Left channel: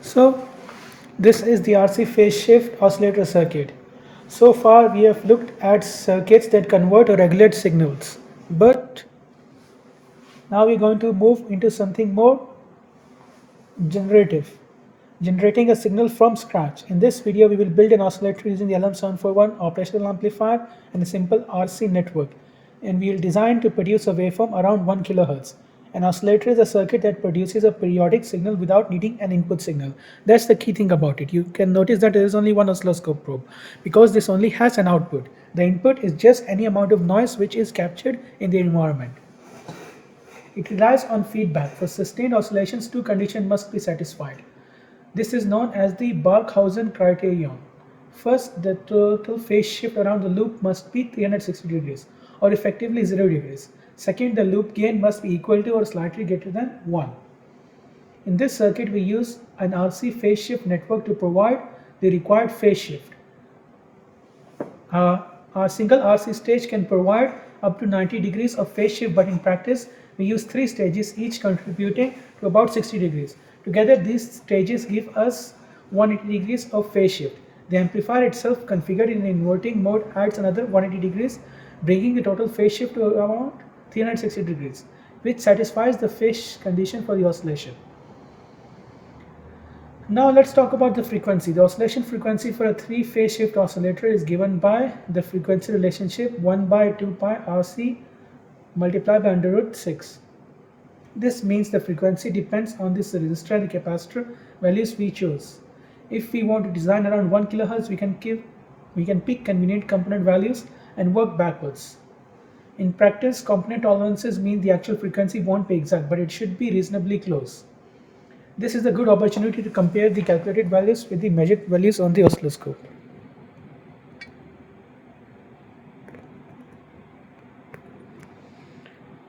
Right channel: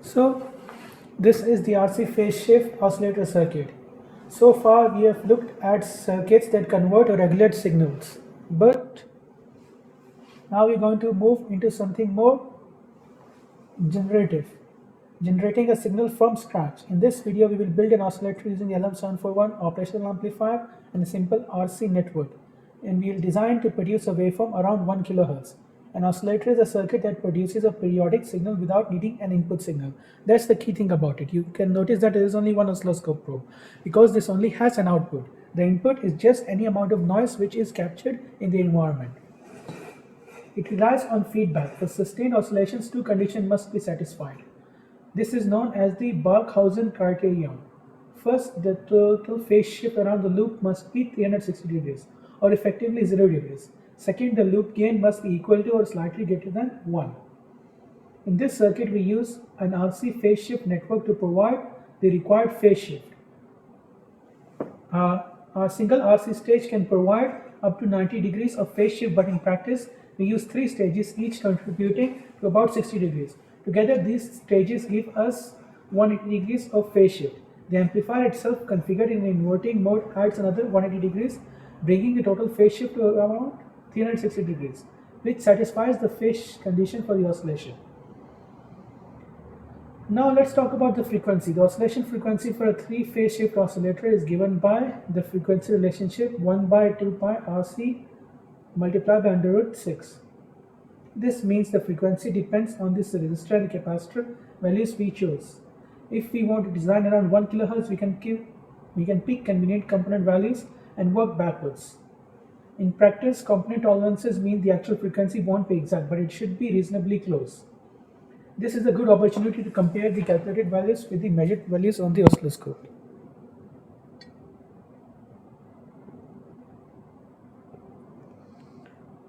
So this is the RC phase shift oscillator circuit. So far we have looked at circuits that convert or regulate signals, but now we're going to move into something more generative, generating a signal from scratch. In this video we will build an oscillator using the LM741 operational amplifier and a simple RC network, and we will design to produce a waveform around 1 kHz. An oscillator is a circuit that produces a periodic signal without needing an input signal. That's the key thing about it. You can notice that there is only one oscilloscope probe because this only has an output. The input is just any amount of noise which is captured in the environment. It relies on feedback. For sustained oscillations, two conditions must be satisfied. This is known as the Barkhausen criterion. First, the total phase shift around the loop must be 360 degrees, or effectively 0 degrees. Second, the loop gain must be equal to or slightly greater than 1. In this circuit, we use an RC phase shift network to provide the required phase shift. Our single RC stage can provide up to 90 degrees of phase shift, but in practice, we use 3 stages, each contributing to about 60 degrees. Together, these stages give us 180 degrees of phase shift. The amplifier itself, configured in inverting mode, adds another 180 degrees, bringing the total phase shift to around 360 degrees, which satisfies the phase condition for the oscillation. Now let's talk about the frequency. The oscillation frequency for a 3-phase shift oscillator is given by the frequency relationship 1 by 2 pi RC multiplied by under root 6. This means the frequency depends on this resistor and the capacitor values we chose. If we want to design around 1 kHz, we can pick convenient component values and work backwards. In practice, component tolerances mean the actual frequency won't be exact, but it should be reasonably close. This is a good opportunity to compare the calculated values with the measured values on the oscilloscope.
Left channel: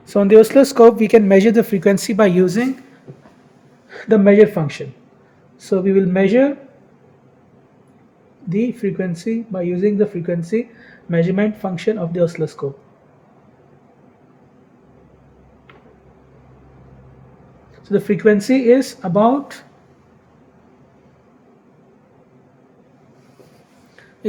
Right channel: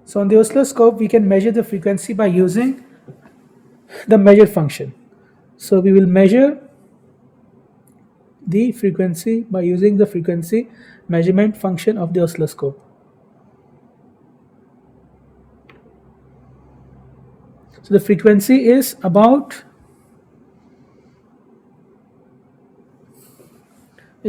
So on the oscilloscope, we can measure the frequency by using the measure function. So we will measure the frequency by using the frequency measurement function of the oscilloscope. So the frequency is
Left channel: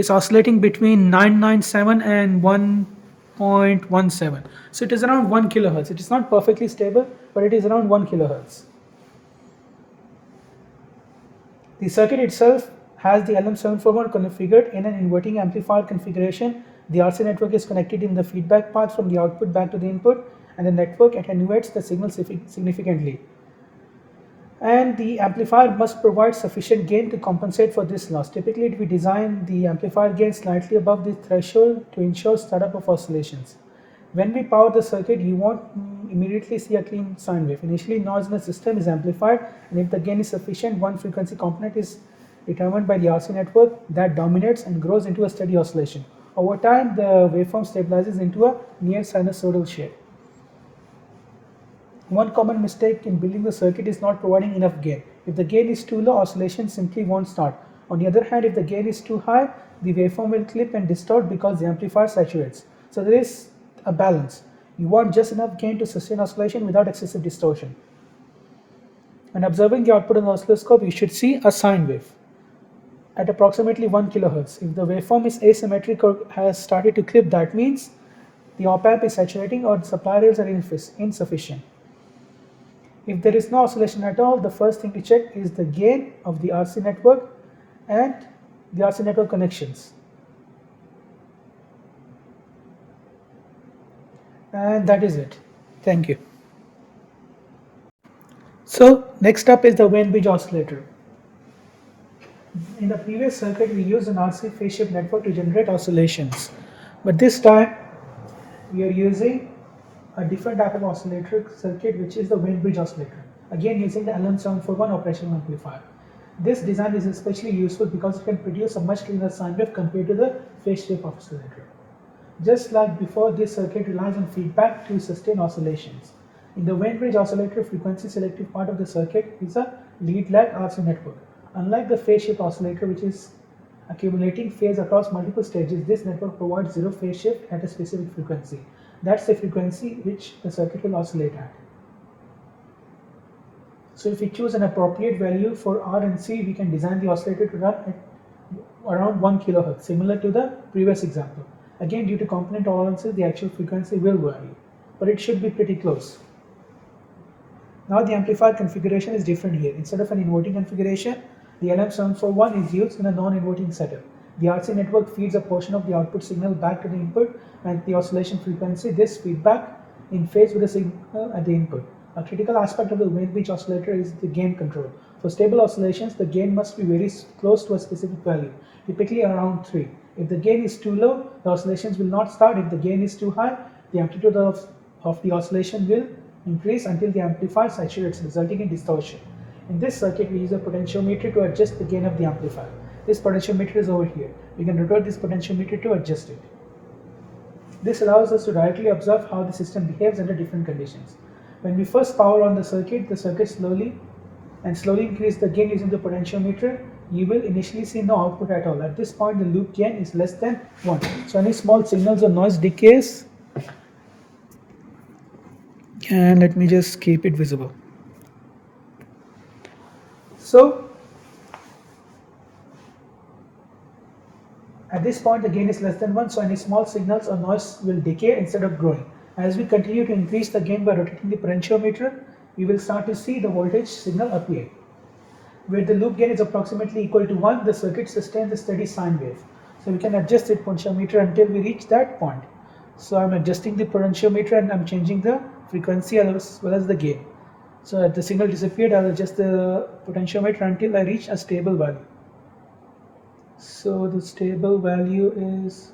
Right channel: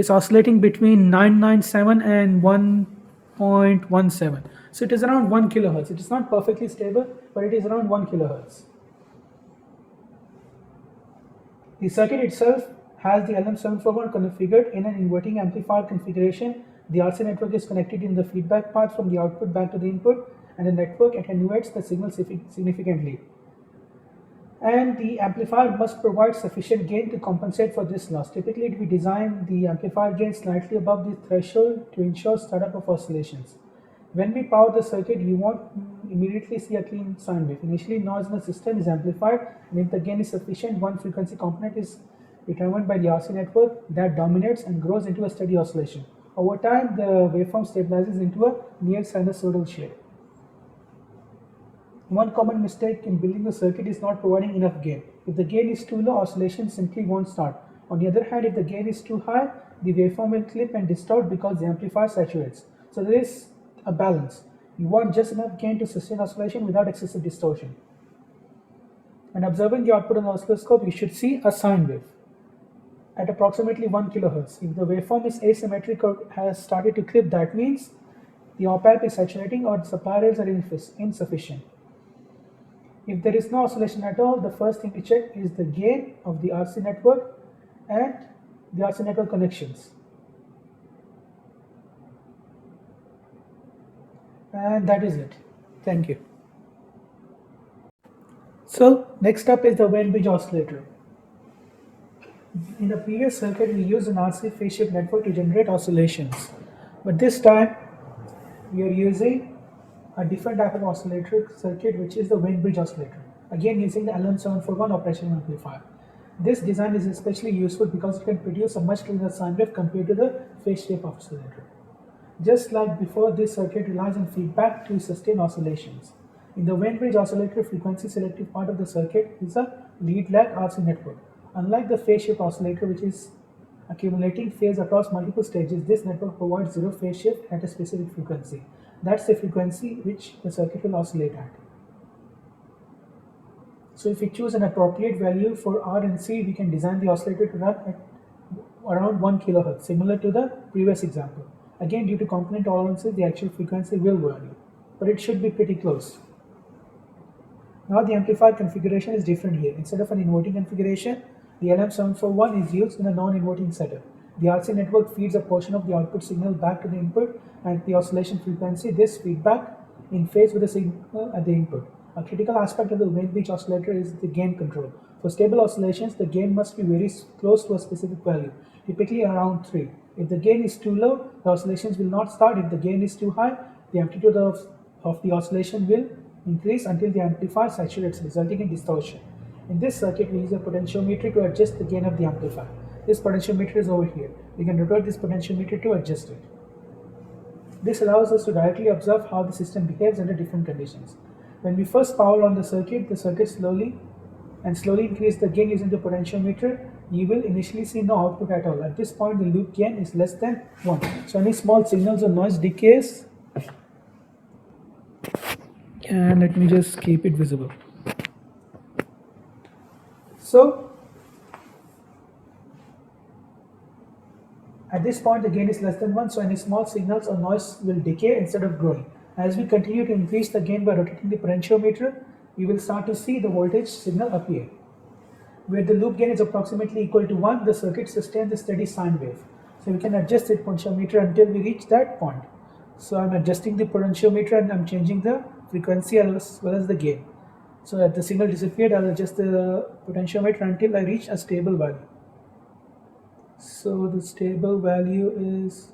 oscillating between 997 and 1.17. So it is around 1 kHz. It is not perfectly stable, but it is around 1 kHz. The circuit itself has the LM741 configured in an inverting amplifier configuration. The RC network is connected in the feedback path from the output back to the input, and the network attenuates the signal significantly. And the amplifier must provide sufficient gain to compensate for this loss. Typically, we design the amplifier gain slightly above the threshold to ensure startup of oscillations. When we power the circuit, you won't immediately see a clean sine wave. Initially, noise in the system is amplified, and if the gain is sufficient, one frequency component is determined by the RC network that dominates and grows into a steady oscillation. Over time, the waveform stabilizes into a near sinusoidal shape. One common mistake in building the circuit is not providing enough gain. If the gain is too low, oscillation simply won't start. On the other hand, if the gain is too high, the waveform will clip and distort because the amplifier saturates. So there is a balance. You want just enough gain to sustain oscillation without excessive distortion. When observing the output on the oscilloscope, you should see a sine wave at approximately 1 kHz. If the waveform is asymmetric or has started to clip, that means the op-amp is saturating or the supply rails are insufficient. If there is no oscillation at all, the first thing to check is the gain of the RC network and the RC network connections. And that is it. Thank you. So next up is the Wien bridge oscillator. In the previous circuit, we used an RC phase shift network to generate oscillations, but this time we are using a different type of oscillator circuit, which is the Wien bridge oscillator, again using the LM741 operational amplifier. This design is especially useful because it can produce a much cleaner sine wave compared to the phase shift oscillator. Just like before, this circuit relies on feedback to sustain oscillations. In the Wien bridge oscillator, frequency selective part of the circuit is a lead lag RC network. Unlike the phase shift oscillator, which is accumulating phase across multiple stages, this network provides zero phase shift at a specific frequency. That's the frequency which the circuit will oscillate at. So if we choose an appropriate value for R and C, we can design the oscillator to run at around 1 kHz, similar to the previous example. Again, due to component tolerances, the actual frequency will vary, but it should be pretty close. Now the amplifier configuration is different here. Instead of an inverting configuration, the LM741 is used in a non-inverting setup. The RC network feeds a portion of the output signal back to the input and the oscillation frequency. This feedback in phase with the signal at the input. A critical aspect of the Wayne Bridge oscillator is the gain control. For stable oscillations, the gain must be very close to a specific value, typically around 3. If the gain is too low, the oscillations will not start. If the gain is too high, the amplitude of the oscillation will increase until the amplifier saturates, resulting in distortion. In this circuit, we use a potentiometer to adjust the gain of the amplifier. This potentiometer is over here. We can rotate this potentiometer to adjust it. This allows us to directly observe how the system behaves under different conditions. When we first power on the circuit slowly increase the gain using the potentiometer. You will initially see no output at all. At this point, the loop gain is less than 1. So any small signals or noise decays. And let me just keep it visible. So at this point the gain is less than 1, so any small signals or noise will decay instead of growing. As we continue to increase the gain by rotating the potentiometer, we will start to see the voltage signal appear. Where the loop gain is approximately equal to 1, the circuit sustains a steady sine wave. So we can adjust the potentiometer until we reach that point. So I'm adjusting the potentiometer and I'm changing the frequency as well as the gain. So as the signal disappeared, I'll adjust the potentiometer until I reach a stable value. So the stable value is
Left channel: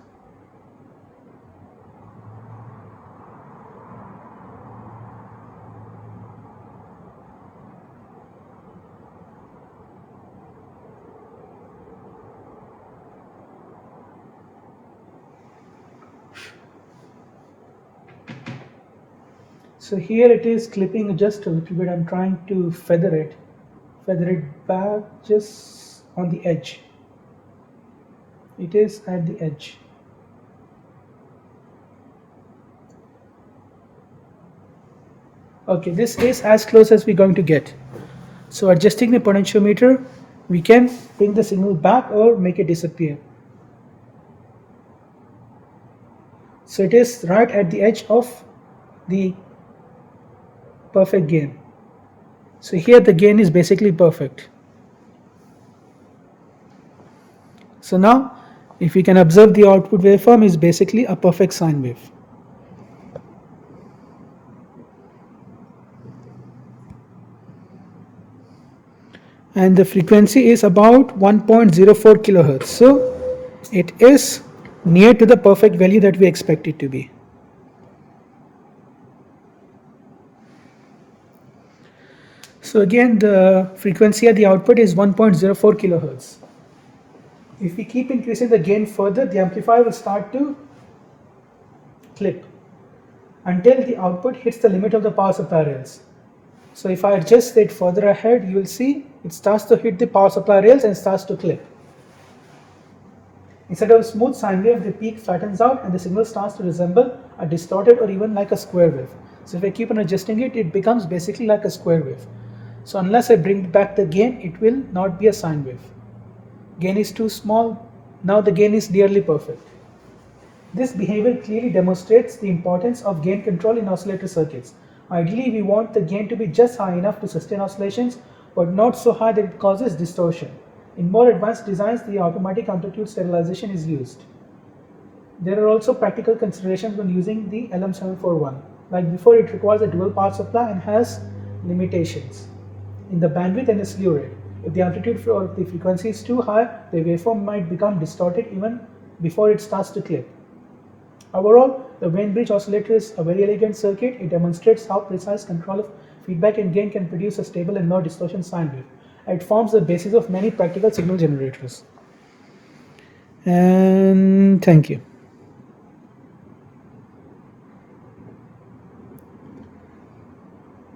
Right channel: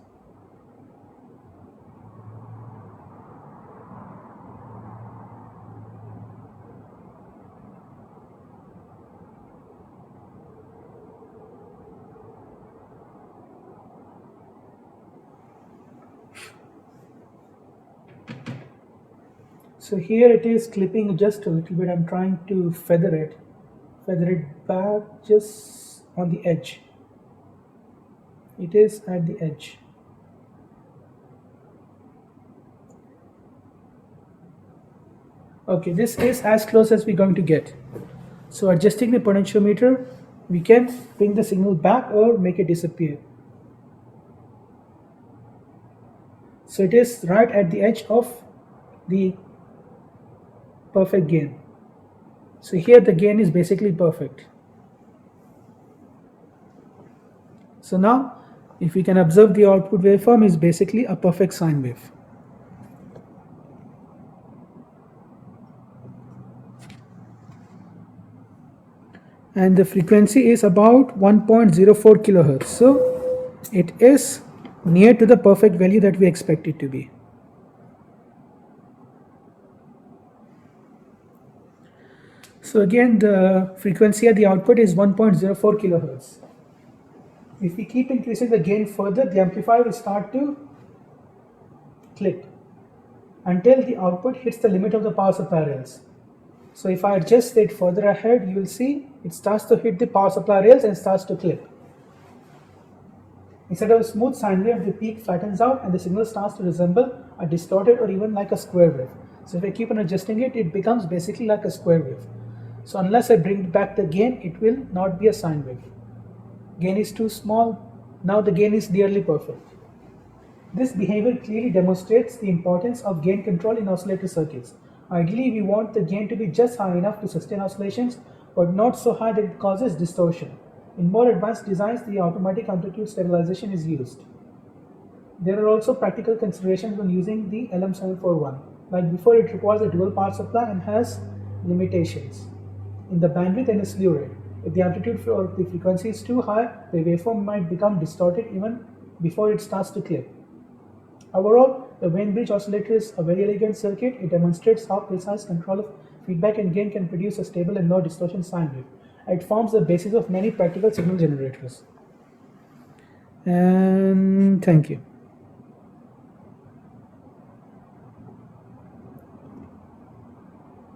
so here it is clipping just a little bit. I'm trying to feather it back just on the edge. It is at the edge. Okay, this is as close as we're going to get. So adjusting the potentiometer, we can bring the signal back or make it disappear. So it is right at the edge of the perfect gain. So here the gain is basically perfect. So now if we can observe, the output waveform is basically a perfect sine wave. And the frequency is about 1.04 kilohertz. So it is near to the perfect value that we expect it to be. So again, the frequency at the output is 1.04 kilohertz. If we keep increasing the gain further, the amplifier will start to clip until the output hits the limit of the power supply rails. So if I adjust it further ahead, you will see it starts to hit the power supply rails and starts to clip. Instead of a smooth sine wave, the peak flattens out and the signal starts to resemble a distorted or even like a square wave. So if I keep on adjusting it, it becomes basically like a square wave. So unless I bring back the gain, it will not be a sine wave. Gain is too small. Now the gain is nearly perfect. This behavior clearly demonstrates the importance of gain control in oscillator circuits. Ideally, we want the gain to be just high enough to sustain oscillations, but not so high that it causes distortion. In more advanced designs, the automatic amplitude stabilization is used. There are also practical considerations when using the LM741. Like before, it requires a dual power supply and has limitations in the bandwidth and the slew rate. If the amplitude or the frequency is too high, the waveform might become distorted even before it starts to clip. Overall, the Wayne Bridge oscillator is a very elegant circuit. It demonstrates how precise control of feedback and gain can produce a stable and no distortion sine wave. It forms the basis of many practical signal generators. And thank you.